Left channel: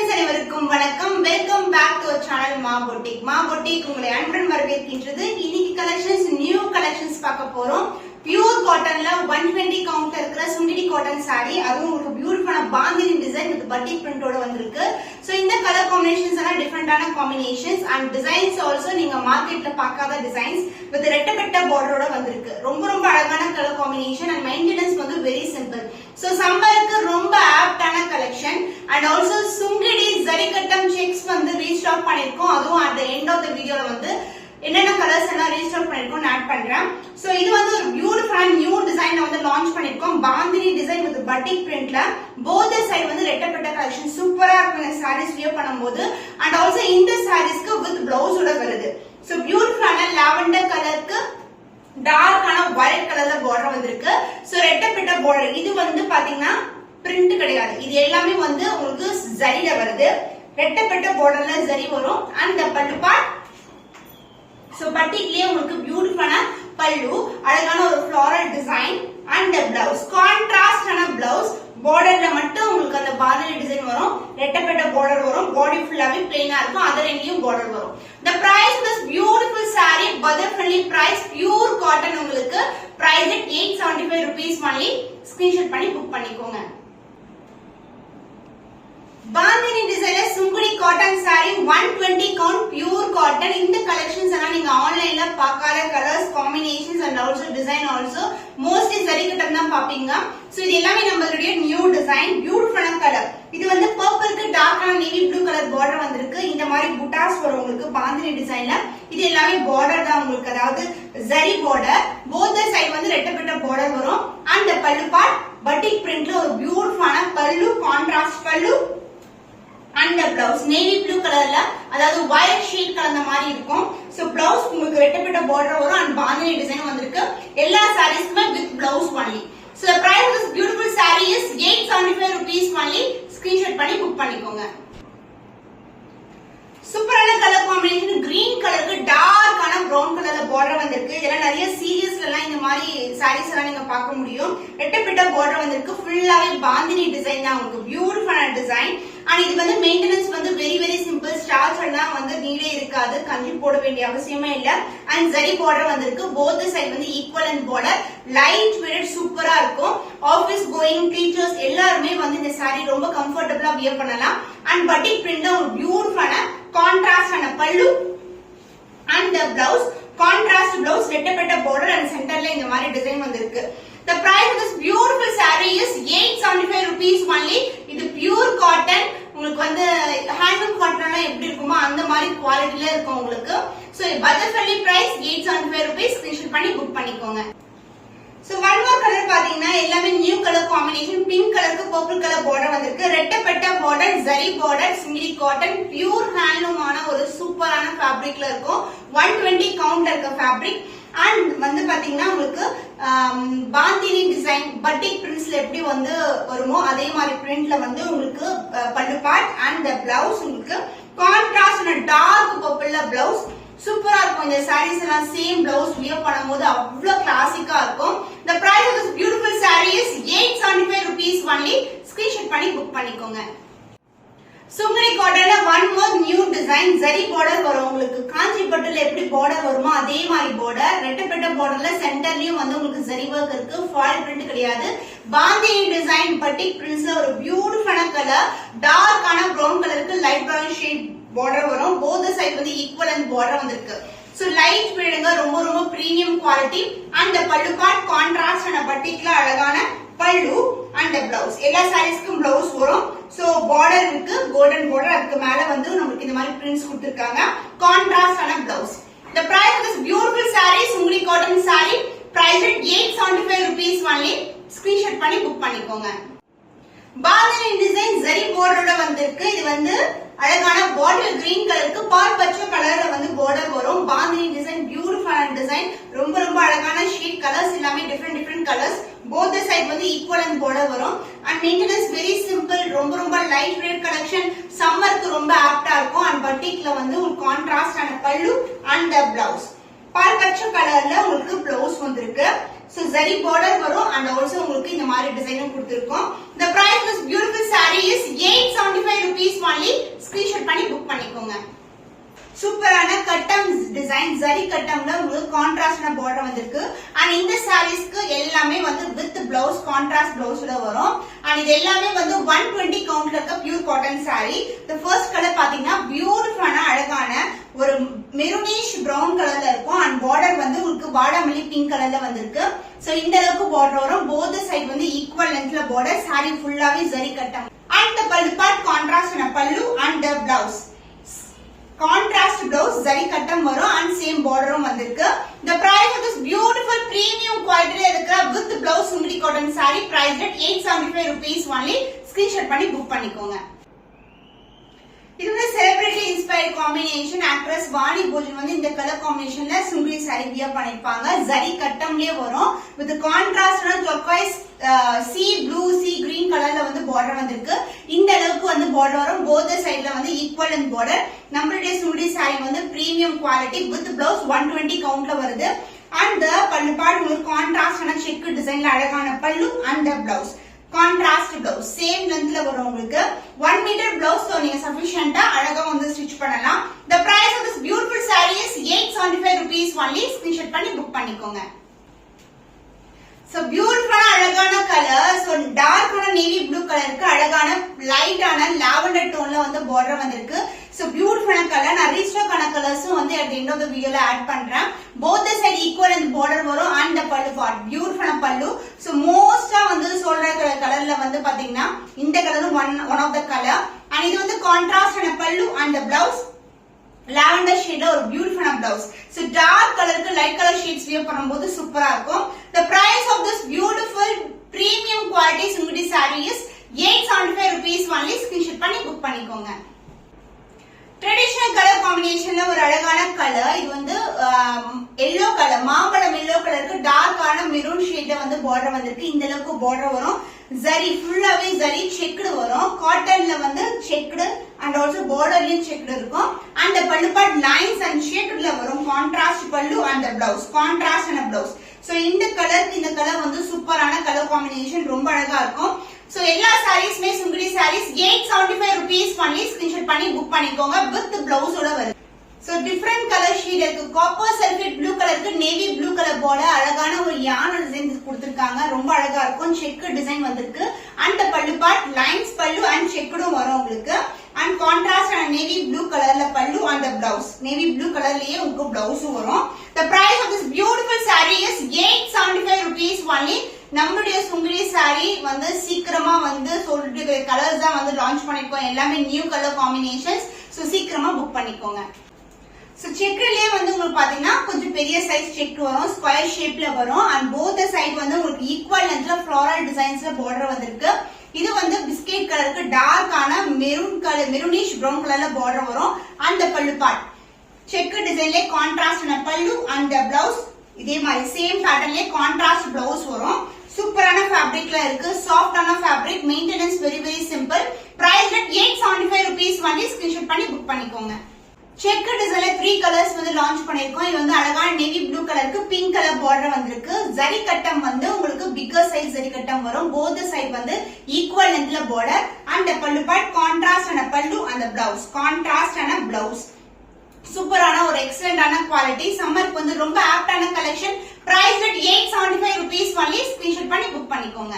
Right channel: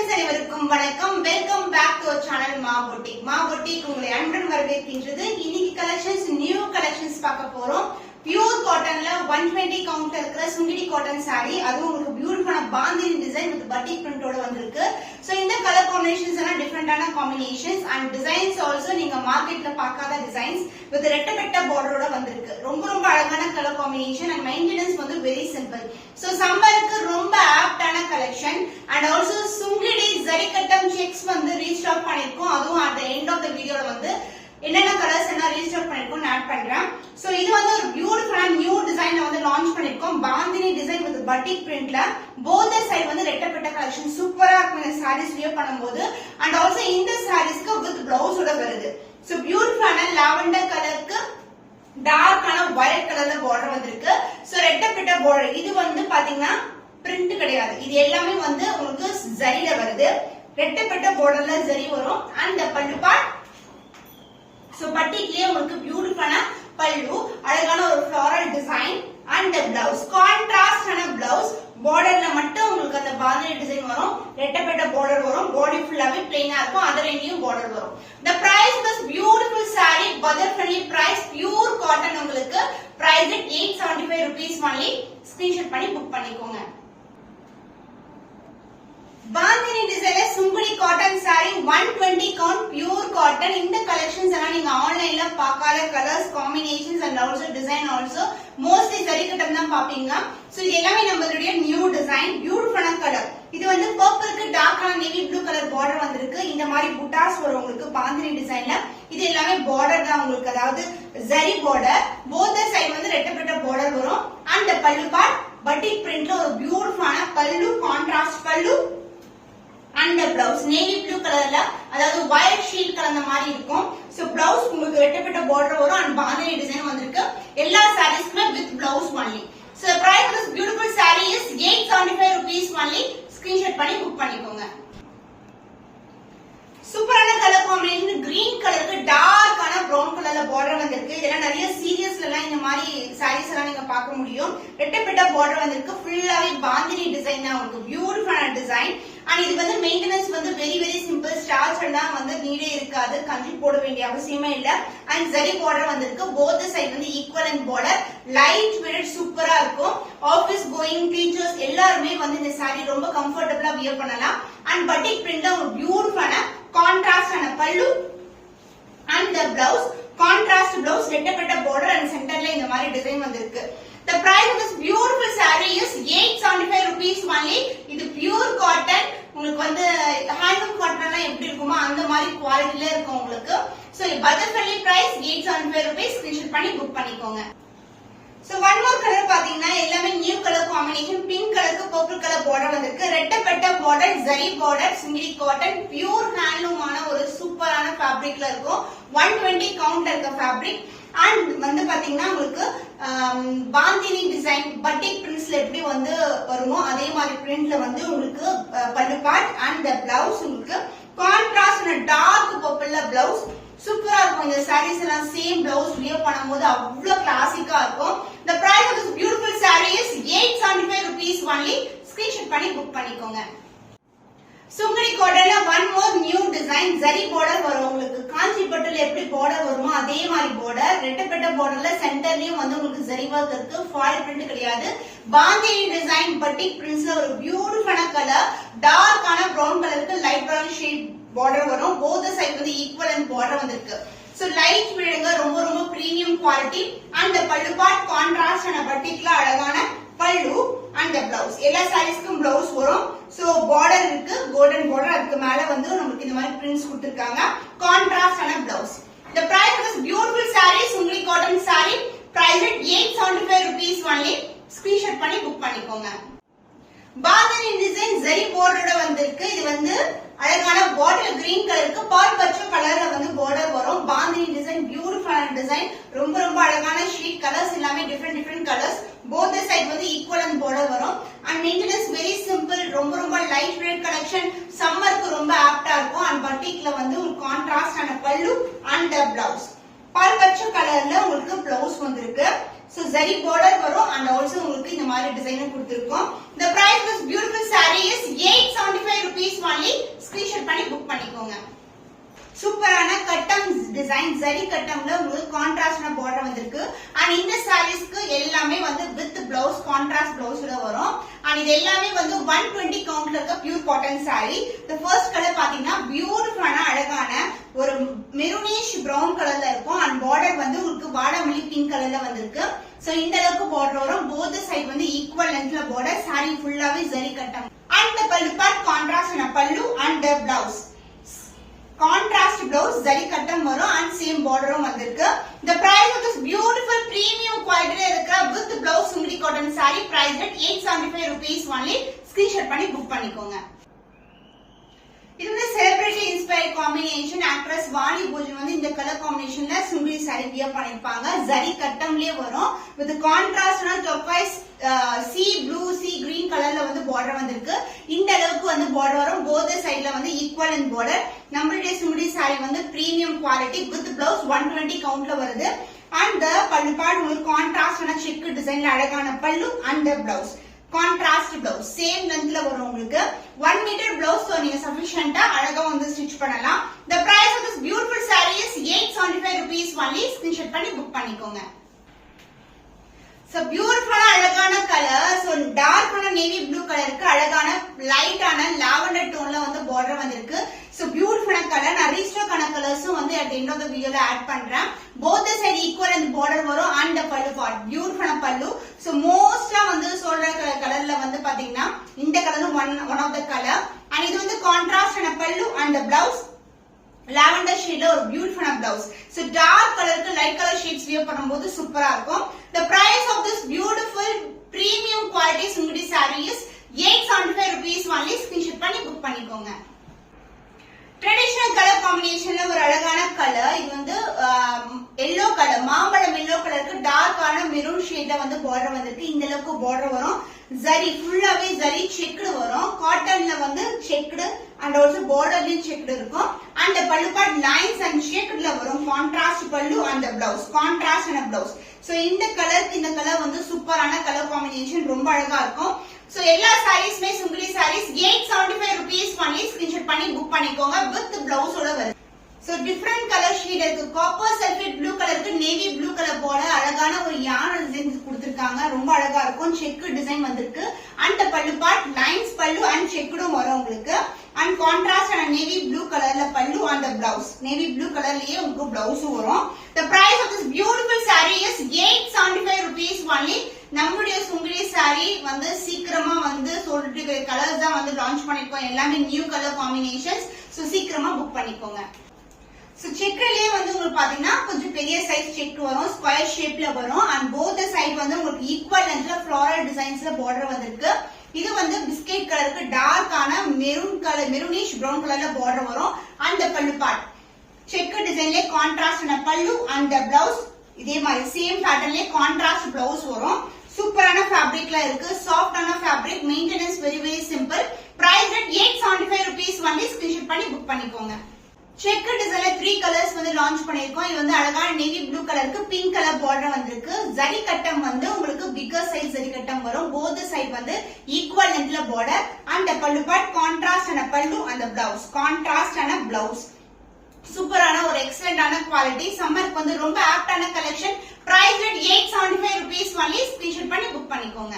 Friends அனைவருக்கும் வணக்கம். Welcome back to our channel Maa boutique. Maa boutique உங்களை அன்புடன் வரவேற்கின்றது. இன்னைக்கு கலெக்ஷன்ஸ் நியூ கலெக்ஷன்ஸ் பார்க்க போறோம். பியூர் காட்டன்ல 120 கவுண்ட் இருக்கிற சுங்கிடி காட்டன் சாரி, அதுவும் உங்களுக்கு பியூட்டிஃபுல்லான பாந்தினி டிசைன் வித் பட்டிக் பிரிண்டோட வந்திருக்கு. சோ இந்த கலர் காம்பினேஷன்ஸ் எல்லாம் டிஃபரெண்டான காம்பினேஷன்ஸ் அண்ட் டிசைன்ஸ் ஆல்சோ நீங்க மார்க்கெட்ல பார்க்காத டிசைன்ஸ் வித் ரெட்டப்பட்ட பார்டரோட வந்திருக்கு. ரொம்ப ரொம்ப அழகான கலர் காம்பினேஷன் அண்ட் மெயின்டெனன்ஸ் வந்து வெரி சிம்பிள். சோ சம்மருக்கு ரொம்ப ஆப்டான கலெக்ஷன் அண்ட் ஆல்சோ சுங்கிடி ஜரிகட்டம் செக்ஸ் வந்து ரீஸ்டாக் பண்ணிருக்கோம். அதுவும் at the end of the வீடியோல வந்து என்னென்ன கலர்ஸ் எல்லாம் ரீஸ்டாக் பண்ணிருக்கோம் ஆட் பண்றேன். சோ இது வந்து ஒரு பியூட்டிஃபுல் நியூ டிசைன்ல வந்து லான்ச் பண்ணிருக்கோம். பாந்தினி டிசைன் வித் பட்டிக் பிரிண்ட்ல போத் சைடு வந்து ரெட்டப்பட்ட கலெக்ஷன் சூப்பரா இருக்கும் சாரீஸ் வியர் பண்ணும்போது. அண்ட் ஆல்சோ இந்த சாரீஸ்க்கு வித் பிளவுஸோட வருது. சோ பியூட்டிஃபுல்லான லாவெண்டர் கலருக்கு டார்க்கான வயலட் கலர்ல பார்டர் வந்திருக்கு. சோ ரெட்டப்பட்ட பார்டர் இது வந்து பாத்தீங்கன்னா பிரிண்ட் கிடையாது, இது எல்லாமே வந்து உங்களுக்கு ஜரில வருது. ரெட்டப்பட்ட பார்டர்ல ஜரி வரும். அண்ட் பல்லு பார்ட் சோ பட்டிக்லயே உங்களுக்கு பியூட்டிஃபுல்லான பல்லு, அழகான ஒரு ஃப்ளாரல் டிசைன் அண்ட் பிளவுஸ் கான்ட்ராஸ்டான பிளவுஸ். பார்டர்ல மட்டும் உங்களுக்கு அந்த பாந்தினி டிசைன் வரும், ரெட்டப்பட்ட பார்டர் வரும். பாடி ஃபுல்லாவே பிளைனா இருக்கும், அதர் எங்கேயும் பார்டர் வரும். The price of this beautiful saree, budget friendly price, pure cotton உங்களுக்கு price at 875 rupees only. Screenshot பண்ணி புக் பண்ணிக்கோங்க. பாந்தினி டிசைன்ல Sungudi cotton saree 120 count pure cotton. இந்த கலெக்ஷன்ஸ் எல்லாம் நீங்க ஆன்லைன்ல பார்க்காத colours combinations and also design also mostly ஜரிகட்டம் தான் பாப்பீங்க. சோ இது எல்லாமே நம்மளுடைய நியூ டிசைன், பியூட்டிஃபுல்லான கலர். இது வந்து பர்பிளுக்கு டார்க்கான நேவி ப்ளூ கலர் பார்டர் வந்திருக்கு. இந்த மாதிரி புட்டாஸ் வரும் உங்களுக்கு பாந்தினி டிசைன்ல. இது எல்லாமே பார்டர் தான் உங்களுக்கு, அதாவது ஜரி பார்டர். போத் சைடு வந்து ரெட்டப்பட்ட பார்டர் வரும். அண்ட் பல்லு பார்ட் பட்டிக் பிரிண்ட்ல ஒரு பியூட்டிஃபுல்லான பல்லு, கான்ட்ராஸ்ட் பல்லு அண்ட் பிளவுஸ் நேவி ப்ளூ கலர்ல, அதாவது வயலட் ஷீட் கலந்த மாதிரி இருக்கும். சோ பிளவுஸ் உங்களுக்கு ரெட்டப்பட்ட பார்டர் வரும் அண்ட் பாந்தினி டிசைன் வந்திருக்கு. எல்லா சாரீஸ்க்குமே with blouse only. So the price of this beautiful saree is 875 rupees only. Screenshot பண்ணி புக் பண்ணிக்கோங்க. சூப்பரான கலர் காம்பினேஷன். கிரீன் கலருக்கு டார்க்கான பிரவுன் கலர்ல பார்டர் வந்திருக்கு. இதெல்லாம் நிறைய சீரியஸ்ல எல்லாம் இந்த மாதிரி சாரீஸ் எல்லாம் நீங்க பார்க்க முடியும். ரெட்டப்பட்ட பார்டர் வந்திருக்கு. ஃபுல்லாவே பாந்தினி டிசைன் தான் உங்களுக்கு, பியூட்டிஃபுல்லான டிசைன். அண்ட் இது வந்து மெயின்டெனன்ஸ் வந்து வெரி வெரி சிம்பிள். ஸ்டார்ச் எல்லாம் வந்து நீடே இருக்காது, கஞ்சி போட வேண்டிய அவசியமே இல்ல. அண்ட் ஜரி பார்டர் வந்திருக்கு. போத் சைடு வந்து ஈக்குவலன்ட் பார்டர், லைட் வெயிட், சூப்பரா இருக்கும். ஆபீஸ் கோயிங் டீச்சர்ஸ் எல்லாருமே வந்து இந்த சாரி ரொம்ப கம்ஃபர்டபுளா வியர் பண்ணலாம். அண்ட் பட்டிக் பிரிண்ட்ல ஒரு பியூட்டிஃபுல்லான கான்ட்ராஸ்டான பல்லு and the blouse contrast blouse, ரெட்டப்பட்ட பார்டர் அண்ட் சென்டர்ல இந்த மாதிரி டிசைன் வந்திருக்கு. The price of this beautiful saree is 875 rupees only. இது பியூர் காட்டன். உங்களுக்கு வந்து ஹேண்ட்லூம் காட்டனா எப்படி இருக்குமோ அந்த மாதிரி குவாலிட்டில இருக்கும் உங்களுக்கு. So budget friendly price 875 rupees. Screenshot பண்ணி புக் பண்ணிக்கோங்க. சோ ஒன் மோர் கலர் பாத்தீங்கன்னா எல்லாமே நியூ கலர் காம்பினேஷன். பிங்க் கலருக்கு பர்பிள் கலர் பார்டர் வந்திருக்கு. ரெட்டப்பட்ட border, zari border, Sungudi cotton, pure ஹேண்ட்லூமான ஒரு சூப்பரான ஃபேப்ரிக்ல இருக்கும். 120 கவுண்ட் இருக்க ஃபேப்ரிக். அண்ட் வந்து பாத்தீங்கன்னா உங்களுக்கு பாந்தினி டிசைன் பட்டிக் பிரிண்ட்ஸ்ல எப்படி வந்து வருமோ அதே மாதிரி பிரிண்ட்ல வந்து உங்களுக்கு பல்லு பார்ட் அண்ட் பிளவுஸ் உங்களுக்கு கான்ட்ராஸ்ட் டார்க் பர்பிள்ல பிளவுஸ். சூப்பரா இருக்கும். இந்த சாரீஸ் எல்லாம் சேம் பிளவுஸ் வியர் பண்ணும்போது அவ்வளவு கிளாசிக்கா இருக்கும். The price of this beautiful saree is 875 rupees only. Screenshot பண்ணி புக் பண்ணிக்கோங்க. சுங்குடி காட்டன்ல one more new design. Zari border வரும் உங்களுக்கு. காஞ்சி பட்டுல எப்படி பார்டர் வருமோ அதே மாதிரி பார்டர். ரெட்டப்பட்ட பார்டர்ல சென்டர்லயும் வந்து உங்களுக்கு ஜரி ஒர்க் இருக்கு. ஃபாயில் பிரிண்ட் கிடையாது. பாந்தினி டிசைன் பட்டிக் பிரிண்ட்ஸ்ல ஒரு பியூட்டிஃபுல்லான கலர், டார்க்கான பிரவுன் கலருக்கு லைட் பிரவுன் ஷேட் பார்டர் வரும். போத் சைடு வந்து ஈக்குவலன்ட் பார்டர் வந்திருக்கு. சோ லைட் பிரிடுங்க, ரொம்ப ரொம்ப பிரீமியம் குவாலிட்டி. அண்ட் பல்லு பார்ட் கான்ட்ராஸ்ட் அண்ட் பட்டிக்ல அழகான பல்லு அண்ட் பிளவுஸ். எல்லா சாரீஸ்க்கும் பிளவுஸ் வரும். சோ பார்டர் இருக்கு, கோல்டன் பார்டர். அதுக்கு மேல வந்து நமக்கு இந்த மாதிரி பிரிண்ட்ஸ் கொடுத்திருக்காங்க. கான்ட்ராஸ்ட் ஆன blouse. The price of this beautiful saree, Sungudi cotton saree, price at 875 rupees only. Screenshot பண்ணி புக் பண்ணிக்கோங்க. பாந்தினி டிசைன் ஜரி பார்டரோட வந்திருக்கு. இது வந்து அழகான பாட்டில் கிரீன் கலருக்கு பால் பச்சை கலர்ல வந்து பார்டர் வரும். பாந்தினி டிசைன் பியூட்டிஃபுல்லான டிசைன். ரொம்ப ரொம்ப அழகான ஷீட் கலர்ஸ் எல்லாமே டிஃபரெண்ட் கலர்ஸ். போத் சைடு வந்து ஈக்குவலன்ட் பார்டர் வரும். And maintenance very simple. ரொம்ப ரொம்ப லைட் வெயிட் கலெக்ஷன். சம்மருக்கு ரொம்ப ஆப்டா இருக்கும். அண்ட் பட்டிக்ல வந்து ஒரு கான்ட்ராஸ்ட் ஆன பல்லு அண்ட் பிளவுஸ். பால் பச்சை கலர்ல உங்களுக்கு பிளவுஸ் வந்திருக்கு. So zari border வரும் and also உங்களுக்கு இந்த மாதிரி டிசைனும் கொடுத்திருக்கோம். The price of this beautiful saree is 875 rupees only. பண்ணிக்கோங்க. சூப்பரான கட்டம் டிசைன் ஜரி கட்டம்ல உங்களுக்கு கான்ட்ராஸ்டான பார்டர் வந்திருக்கு. அண்ட் இந்த சாரீஸ்க்கு எல்லாமே வந்து வித் பிளவுஸ் கான்ட்ராஸ்ட் பிளவுஸ்ல வரும். அண்ட் இது எல்லாமே வந்து 120 கவுண்ட்ல இருக்க பியூர் காட்டன் சாரி. இந்த ஃபர்ஸ்ட் கலர் பாத்தீங்கன்னா பியூட்டிஃபுல்லான அழகான ஒரு மெரூனிஷ் பிரவுன் கலர்ல இருக்கும். அண்ட் பார்டர் வந்து உங்களுக்கு வாடாமல்லி பிங்க் கலர்ல வந்திருக்கு. சோ இந்த அளவுக்கு பார்டர் வரும். போத் சைடு வந்து ஈக்குவல் லென்த்ல பார்டர். சாரி ஃபுல்லாவே ஜரி கட்டம். அண்ட் the பல்லு பார்ட் கான்ட்ராஸ்ட் பல்லு and the blouse. Contrast blouse zari kattam varum and same border vandirukku. The price of this beautiful premium quality irukra with blouse sumri cotton saree priced at 875 rupees only. Screenshot panni book pannikonga. இது வந்து celebrity inspired combination. Actress Vani Bhojan வந்து இந்த colour காம்பினேஷன்ல singly sorry wear பண்ணிருப்பாங்க. ஜரி கட்டம்லயே வரும். With கான்ட்ராஸ்டான turquoise sea blue sea green கலர்ல வந்து பார்டர் வந்திருக்கு. இந்த அளவுக்கு வந்து பார்டர் வரும். போத் சைடுல வந்து ஈக்குவல் அண்ட் பார்டர். நம்மளுடைய சிங்கிளி சாரி வந்து பிரீமியம் குவாலிட்டி வித் பிளவுஸ் 120 கவுண்ட்ல வருது. அண்ட் பல்லு பார்ட் உங்களுக்கு கான்ட்ராஸ்டான செக் டிசைன்ல அழகான பல்லு and blouse contrast blouse same லென்த்ல வரும். உங்களுக்கு 1 மீட்டர் பிளவுஸ் நீங்க சஃபிஷியன்ட்டா அழகா வந்து ஸ்டிச் பண்ணலாம். The price of this beautiful saree is 875 rupees only. Screenshot பண்ணி புக் பண்ணிக்கோங்க. So beautiful அழகான கலர். So டார்க்கான நேவி ப்ளூ கலருக்கு அழகான லைட்டான லாவெண்டர் டோன்ல வந்து பார்டர் வந்திருக்கு. So beautiful colour. நான் ரீஸ்டாக்கான கலர்ஸும் வந்து at the end of the video ல ஆட் பண்றேன். Both the side equal and border வரும் and the பல்லு part beautiful பல்லு. So மோஸ்டா வந்து சொல்ற கலர்ல வந்து பாத்தீங்கன்னா இந்த colour one of the color and இது வந்து கான்ட்ராஸ்ட் ஆன பல்லு and the blouse lavender shade ஒரு பியூட்டிஃபுல்லான blouse. So dark கலருக்கு light color shades wear பண்ணும்போது சூப்பரா இருக்கும். The price of this beautiful premium quality sumri saree is 875 rupees only. Screenshot பண்ணி புக் பண்ணிக்கோங்க. ட்ரெடிஷனல் கலர் காம்பினேஷன்ல ஒரு அழகான கலர். இது வந்து எல்லோ கலர் மாம்பழம் எல்லோ கலருக்கு டார்க்கான மெரூன் ஷேட்ல வந்து பார்டர் வந்திருக்கு. இந்த அளவுக்கு பார்டர் வரும். ஜரி ஃபுல்லாவே ஜரி செக்டு வரும். காட்டன்ல வந்து செக்டு அண்ட் ஆல்சோ பார்டர்லயும் செக்டு இருக்கும். அண்ட் பல்லு பார்ட் லைன்ஸ் அண்ட் ஷேட்ல வரும். கான்ட்ராஸ்ட் பல்லு and blouse contrast and blouse. So இந்த கலருக்கு இந்த கலர் வந்து சூப்பரான கலர் காம்பினேஷன் ரொம்ப அழகா இருக்கும். சோ எல்லா சாரீஸ்மே சுங்குடி சாரீஸ் 875 rupees பண்ணி ஸ்கிரீன்ஷாட் பண்ணி புக் பண்ணிக்கோங்க. வித் பிளவுஸோட வருது. சோ டிஃபரண்ட் கலர் ஷேட் இருக்கு. காப்பர் சல்ஃபேட் ப்ளூ கலருக்கு நேவி ப்ளூ கலர் போல அழகான ஒரு யானை டிசைன் கொடுத்திருக்காங்க. ரொம்ப அழகா இருக்கும். செக் டிசைன் வந்திருக்கு. அண்ட் பல்லு பார்ட் லைன்ஸ் பல்லு அண்ட் செக்குடும் வரும் உங்களுக்கு. And contrast and navy blue கலர்ல பல்லு அண்ட் பிளவுஸ் நேவி ப்ளூ கலர்லயே உங்களுக்கு பிளவுஸ் வரும். The price of this beautiful saree is 875 rupees only. நம்மளுடைய சுங்குடி சாரி வந்து சீக்கிரமா வந்து சொல்லிட்டு கலர்ஸ் தான் வந்து லான்ச் பண்ணிருக்கோம். எல்லாமே நியூ கலர் காம்பினேஷன்ஸ். சோ சீக்கிரமா புக் பண்ணிக்கோங்க. சோ செக்லயே வந்து உங்களுக்கு பாத்தீங்கன்னா கொஞ்சம் பெரிய சைஸ் செக் வரும். ஸ்கொயர் ஷேப்ல வரும். அண்ட் போத் சைடு வந்து உங்களுக்கு ஈக்குவல் லென்த்ல ஃப்ளோரல் டிசைன்ஸ்ல பார்டர் வந்திருக்கு. இது வந்து பிஸ்கெட் கலருக்கு டார்க்கான மெரூன் கலர் மெரூனிஷ் பிரவுன் கலர்ல பார்டர் வரும். அண்ட் பல்லு பார்ட் செக் டிசைன்ல கான்ட்ராஸ்ட் பல்லு அண்ட் பிளவுஸ் இதே மாதிரி சேம் பேட்டர்ன்ல கான்ட்ராஸ்ட் பிளவுஸ் வரும். சூப்பரான ஃபேப்ரிக்ல இருக்கு. சாஃப்டான fabric. Maintenance very very simple. Price at 875 rupees only. Screenshot பண்ணி புக் பண்ணிக்கோங்க. செக் டிசைன்ல 3 கலர்ஸ் வந்து லான்ச் பண்ணிருக்கோம். இது வந்து அழகான நேவி ப்ளூ கலருக்கு பிங்க் கலர் பார்டர் வந்திருக்கு. ஜரி கட்டம் வந்து உங்களுக்கு பிக்கர் சைஸ் ஜரி கட்டம் வரும். போத் சைடு வந்து ஈக்குவல் லென்த்ல பார்டர் அண்ட் பல்லு பார்ட் கான்ட்ராஸ்ட் ஆன பல்லு அந்த பிளவுஸ் கான்ட்ராஸ்ட் ஆன பிளவுஸ். சூப்பரான ஒரு எக்ஸலென்டான குவாலிட்டி. சம்மருக்கு வந்து ரொம்ப ஆப்டான collection. Price at 875 rupees only. Screenshot பண்ணி புக் பண்ணிக்கோங்க.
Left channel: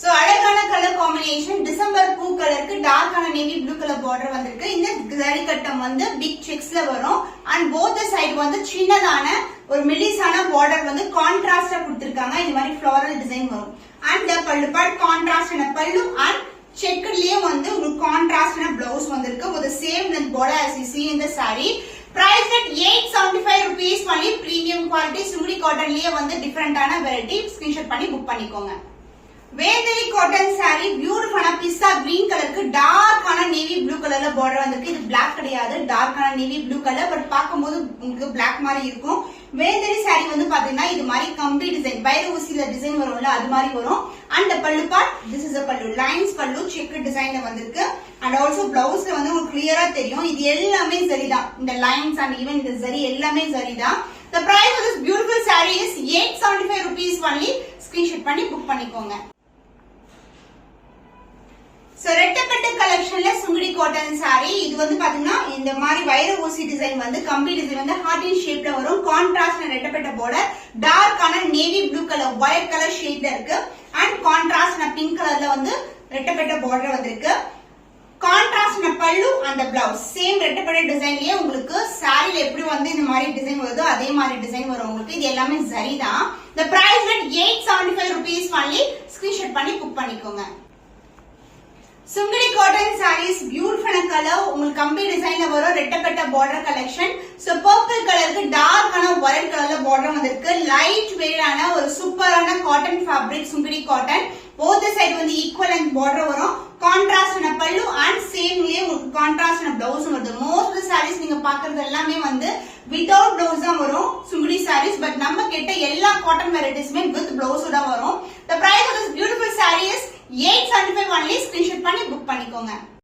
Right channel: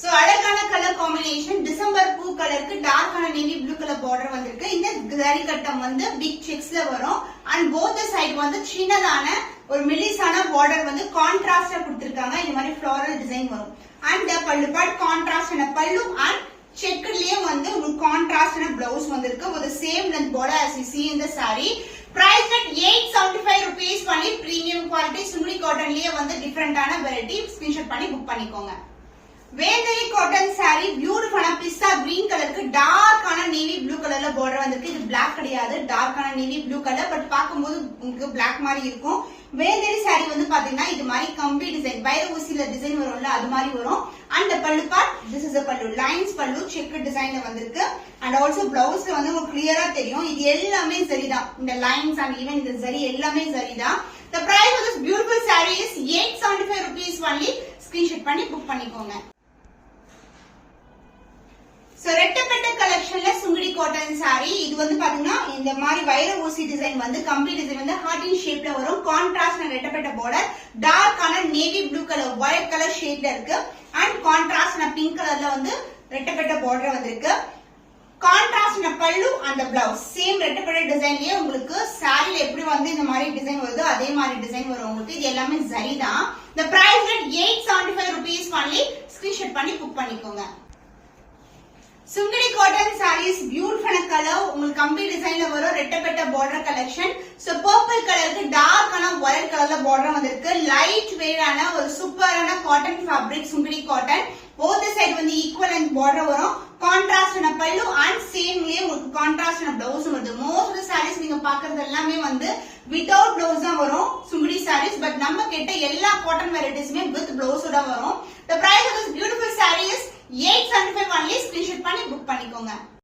சோ அழகான கலர் காம்பினேஷன். டிசம்பர் பூ கலருக்கு டார்க்கான நேவி ப்ளூ கலர் பார்டர் வந்திருக்கு. இந்த ஜரி கட்டம் வந்து பிக் செக்ஸ்ல வரும். அண்ட் போத் சைடு வந்து சின்னதான ஒரு மெலிசான பார்டர் வந்து கான்ட்ராஸ்டா கொடுத்திருக்காங்க. இந்த மாதிரி ஃப்ளோரல் டிசைன் வரும். அண்ட் பல்லு பார்ட் கான்ட்ராஸ்ட் பல்லு அண்ட் செக்லயே வந்து உங்களுக்கு கான்ட்ராஸ்டான பிளவுஸ் வந்திருக்கு. with the same length border as you see in the saree. Price at 875 rupees only. Premium quality sumri cottonலயே வந்து டிஃபரண்டான வெரைட்டி. ஸ்கிரீன்ஷாட் பண்ணி புக் பண்ணிக்கோங்க. வேந்தரி காட்டன் சாரி பியூட்டிஃபுல்லான பிஸ்தா கிரீன் கலருக்கு டார்க்கான நேவி ப்ளூ கலர்ல பார்டர் வந்திருக்கு. இது பிளாக் கிடையாது. டார்க்கான நேவி ப்ளூ கலர். பட் பாக்கும்போது உங்களுக்கு பிளாக் மாதிரி இருக்கும். வேந்தரி சாரி வந்து பாத்தீங்கன்னா இது மாதிரி கம்பி டிசைன் வைர ஊசில டிசைன் வரும்ல அது மாதிரி வரும். அண்ட் பல்லு பார்ட் திஸ் இஸ் a பல்லு லைன்ஸ் பல்லு செக் டிசைன்ல வந்திருக்கு. அண்ட் ஆல்சோ பிளவுஸ்ல வந்து உங்களுக்கு கிளியரா தெரியும். இது எல்லாமே சரிதான். இந்த லைன்ஸ் அண்ட் ஈவன் இந்த சரி எல்லாமே சரிதான். The price of this beautiful saree is 875 rupees only. Screenshot பண்ணி புக் பண்ணிக்கோங்க. சோ ரெட்டப்பட்ட கலெக்ஷன்ல சுங்குடி காட்டன் saree. இது வந்து பாத்தீங்கன்னா இந்த மாதிரி வைர ஊசி டிசைன் வந்து கம்பி டிசைன் வந்து ஹார்ட் இன் ஷேப்ல வரும். கான்ட்ராஸ்ட் ரெட்டப்பட்ட border, டார்க்கான navy blue colour violet colour ஷேட்ல இருக்கு. அண்ட் கான்ட்ராஸ்ட் பிங்க் கலர்ல வந்து ரெட்டப்பட்ட border வந்திருக்கு. கான்ட்ராஸ்ட் பல்லு அந்த பிளவுஸ் சேம் ரெட்டப்பட்ட டிசைன்லயே உங்களுக்கு சாரில எப்படி வந்து இந்த மாதிரி டிசைன் வருதோ அதே மாதிரி டிசைன் வரும் உங்களுக்கு. இது எல்லாமே சரி தான். The price at 875 rupees only. Screenshot பண்ணி புக் பண்ணிக்கோங்க. Sungudi cotton sarees beautiful colour உங்களுக்கு கம்பி டிசைன்ல வரும் ரெட்டப்பட்ட பார்டர் கலெக்ஷன். சோ பர்பிள் கலருக்கு டார்க்கான வயலட் கலர்ல பார்டர் வந்திருக்கு. லைட் வெயிட்டான ஒரு சூப்பரான cotton fabric Sungudi cotton. Both side வந்து ஈக்குவல் அண்ட் பார்டர் வரும். கான்ட்ராஸ்ட் பல்லு அண்ட் சேம்லயே உங்களுக்கு கான்ட்ராஸ்ட் பிளவுஸ் வருது. மோஸ்ட் sarees நீங்க பாக்குறது எல்லாமே வந்து வித்வுட் பிளவுஸ் தான் வரும் சுங்குடி sarees. பட் நம்ம கிட்ட எல்லா காட்டன் வெரைட்டிஸ்மே வித் பிளவுஸ் தான் வரும். The price of this beautiful saree is 875 only. Screenshot பண்ணி புக் பண்ணிக்கோங்க.